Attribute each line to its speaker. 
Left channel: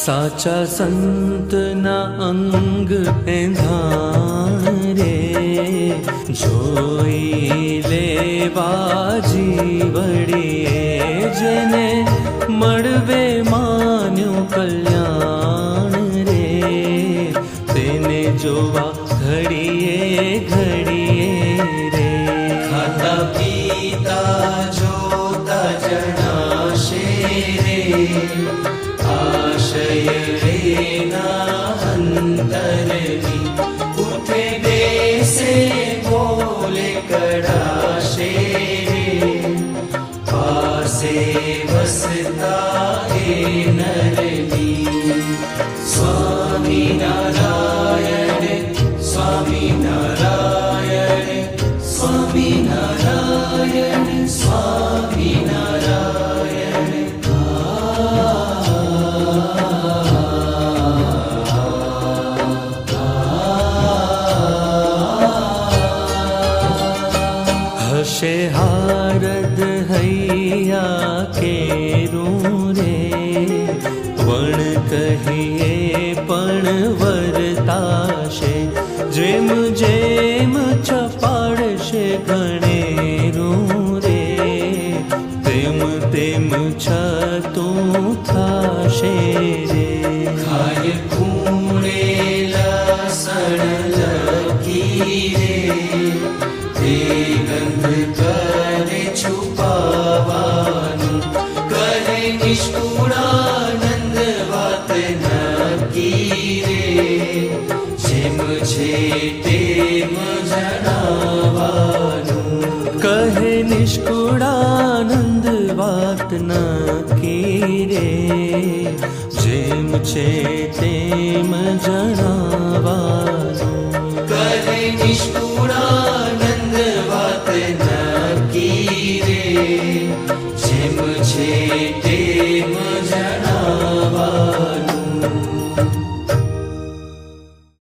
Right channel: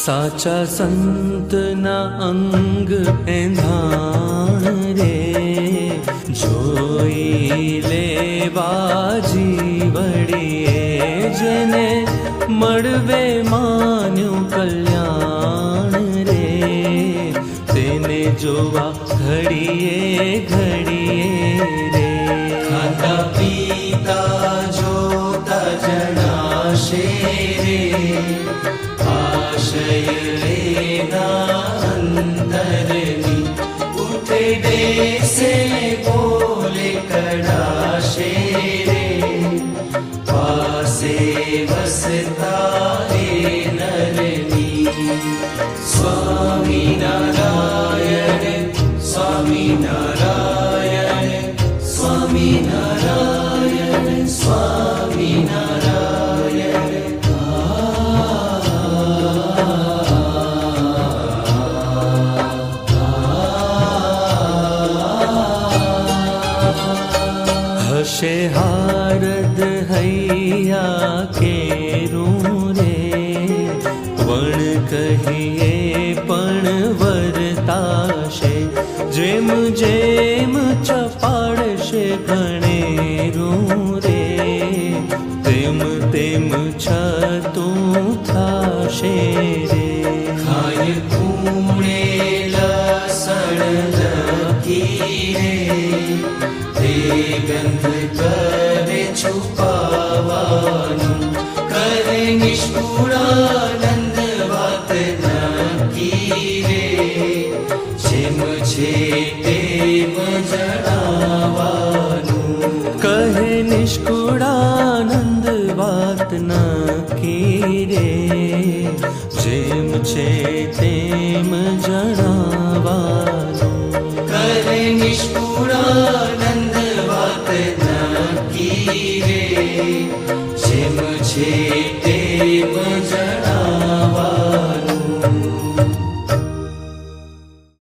Speaker 1: साचा संत न अंग रे जोई रे रे रे जने मड़वे मान कल्याण रे। तेने जोवा घड़िए घड़िए बसता है नर हारद हैया केरू रे। वण कहिए पण वरताशे जेम जेम वर्ताशेम चपा કહે નિષ્કુળાનંદ વાત નક્કી રે જેમ છે તેમ જણાવાનું કહે નિષ્કુળાનંદ